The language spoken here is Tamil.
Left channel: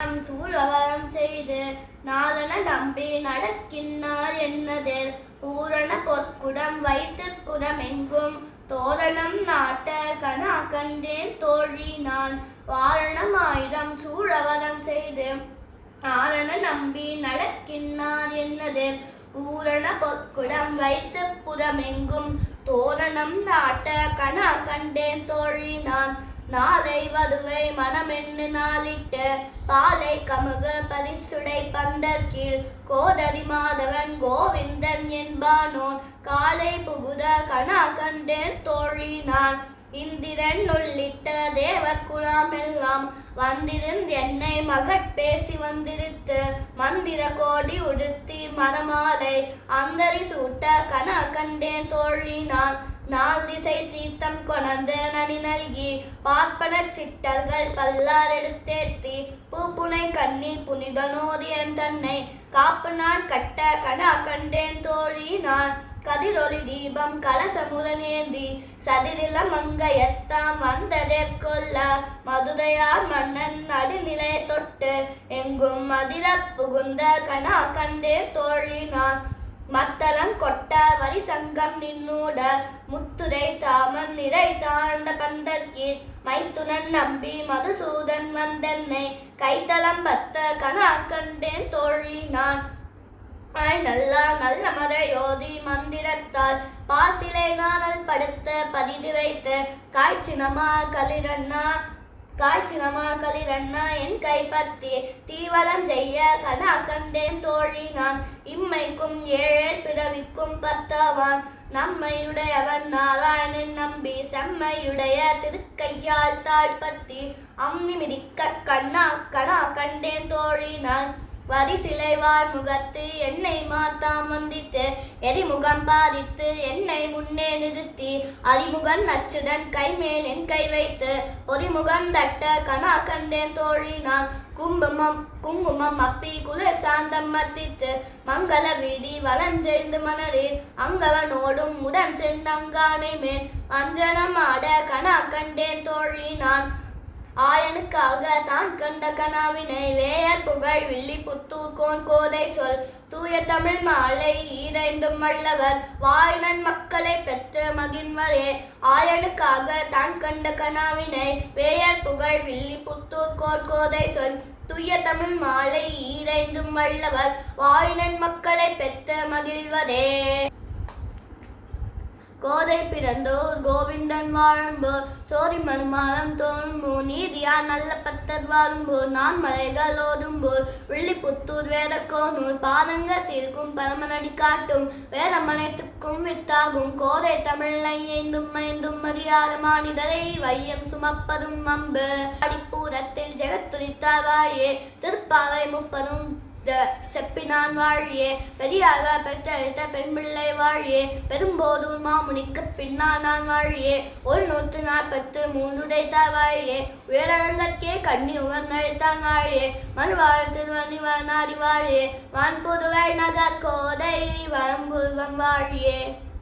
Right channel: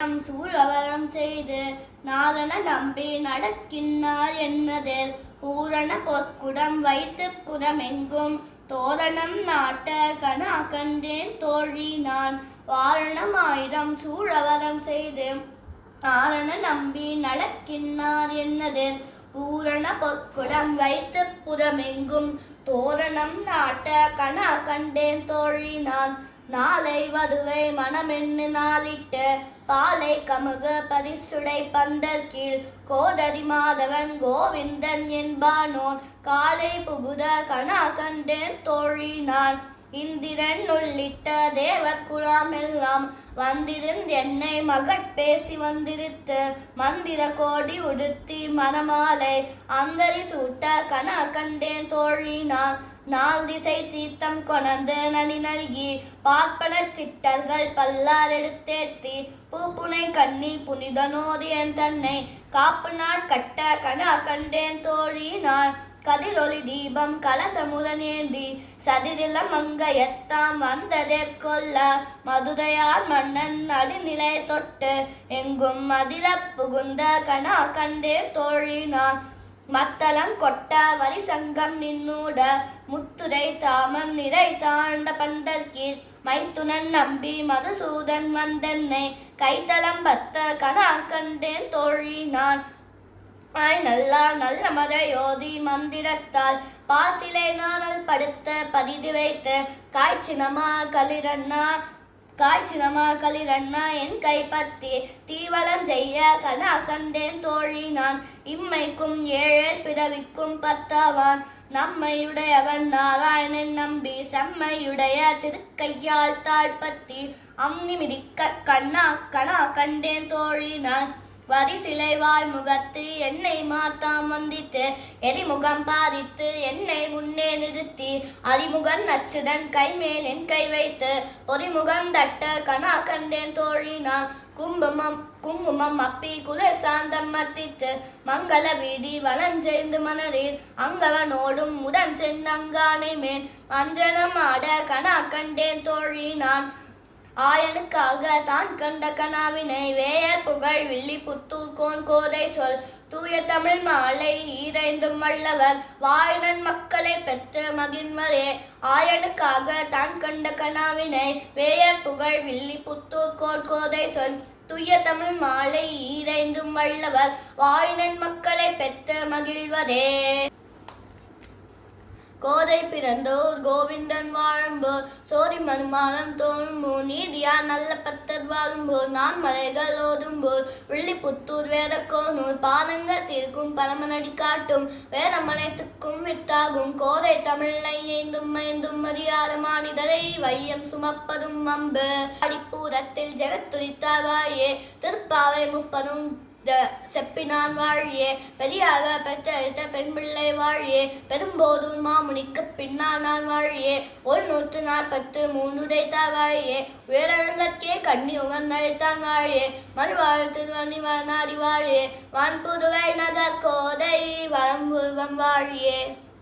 சூழவரம் செய்து நாரண நம்பி நடக்கின்றார் என்னதில் பூரண பொற்குடம் வைத்து புறமெங்கும் தோரணம் நாட்ட கனா கண்டேன் தோழி நான் வாரணமாயிரம் சூழவரம் செய்து நாரண நம்பி நடக்கின்றார் என்னதில் பூரண பொற்குடம் வைத்து புறமெங்கும் தோரணம் நாட்ட கனா கண்டேன் தோழி நான் நாளை வதுவை மனமென்னு நாளிட்டு பாலை கமுகு பரிசுடை பந்தர் கீழ் கோதரி மாதவன் கோவிந்தன் என்பானோன் காலை புகுத கனா கண்டேன் தோழி நான் இந்திரன் உள்ளிட்ட தேவர் குழாமெல்லாம் வந்திருந்து என்னை மகட்பேசி வந்திருத்து மந்திர கோடி உடுத்தி மரமாலை அந்தரி சூட்ட கனா கண்டேன் தோழி நான் நாள் திசை தீர்த்தம் கொணர்ந்து நனி நல்கி பார்ப்பன சிட்டர்கள் பல்லார் எடுத்தேத்தி பூப்புனை கண்ணி புனிதனோதி என் தன்னை காப்பு நான் கட்ட கனா கண்டேன் தோழி நான் கதிரொளி தீபம் கலசமுதனேந்தி சதிரில மங்கையத்தாம் வந்ததேற்கொள்ள மதுரையார் மன்னன் நடுநிலை தொட்டு எங்கும் மதிர புகுந்த கனா கண்டேன் தோழி நான் மத்தளம் கொட்ட வரி சங்கம் நின்னூட முத்துரை தாமம் நிறை தாழ்ந்த பண்டற்கீர் மைத்துனன் நம்பி மதுசூதன் வந்தென்னை கைத்தளம் பத்த கனா கண்டேன் தோழி நான் நல்லா நல்ல மதையோதி மந்திரத்தால் பாசிலை நானல் படுத்த பதிது வைத்து காய்ச்சினமா களிரண்ணா என் கைப்பற்றி தீவளம் செய்ய கனா கண்டேன் தோழி நான் இம்மைக்கும் ஏழேல் பிறவிக்கும் பத்தாவான் நம்மையுடையவன் நாராயணன் நம்பி செம்மையுடைய திருக்கையால் தாழ்பத்தி அம்மி மிதிக்க கனா கண்டேன் தோழி நான் வரி சிலைவாழ் முகத்து என்னை மாத்தாம் வந்தித்து எரிமுகம் பாதித்து என்னை முன்னே நிறுத்தி அறிமுகன் நச்சுடன் கைமேல் என் கை வைத்து பொறிமுகம் தட்ட கனா கண்டேன் தோழி நான் குங்குமம் அப்பி குளிர் சாந்தம் மத்தித்து மங்கள வீதி வளஞ்செய்து மணரீர் அங்கவனோடும் முடன் சென்னங்கானை மேல் அஞ்சனம் ஆட கனா கண்டேன் தோழி நான் ஆயனுக்காக தான் கண்ட கனாவினை வேயர் புகழ் வில்லி புத்தூர் கோன் கோதை சொல் தூய தமிழ் மாலை ஈரைந்தும் வல்லவர் வாயினன் மக்களை பெற்று மகிழ்வரே ஆயனுக்காக தான் கண்ட கனாவினை வேயர் புகழ் வில்லி புத்தூர் கோன் கோதை சொல் தூய தமிழ் மாலை ஈரைந்தும் வல்லவர் வாயினன் மக்களை பெற்று மகிழ்வரே. கோதை பிறந்தோர் கோவிந்தன் வாழும்போர் சோதி மனுமானம் தோழும்போர் நீதியார் நல்ல பத்தர் வாழும்போர் நான் மலைகள் ஓதும்போர் வில்லிபுத்தூர் வேதக்கோனூர் பாதங்கள் தீர்க்கும் பரமனடி காட்டும் வேதமனைத்துக்கும் வித்தாகும் கோதை தமிழை ஏந்தும் மைந்தும் மரியாத மானிதரை வையம் சுமப்பதும் அம்பு அடிப்பூரத்தில் ஜெகத்துரித்தார் வாயே திருப்பாவை முப்பதும் செப்பினான் வாழியே பெரியாக பெற்றெடுத்த பெண் பிள்ளை வாழியே பெரும்போதூர் மாமுனிக்கு பின்னானான் வாழியே 143 உதைத்தார் வாழியே உயரங்கற்கே கண்ணி உகந்தழித்தான் வாழியே மறுவாழ் திருவண்ணி வளநாடி வாழியே வான்புதுவை நகர் கோதை வரம்புருவம் வாழியே.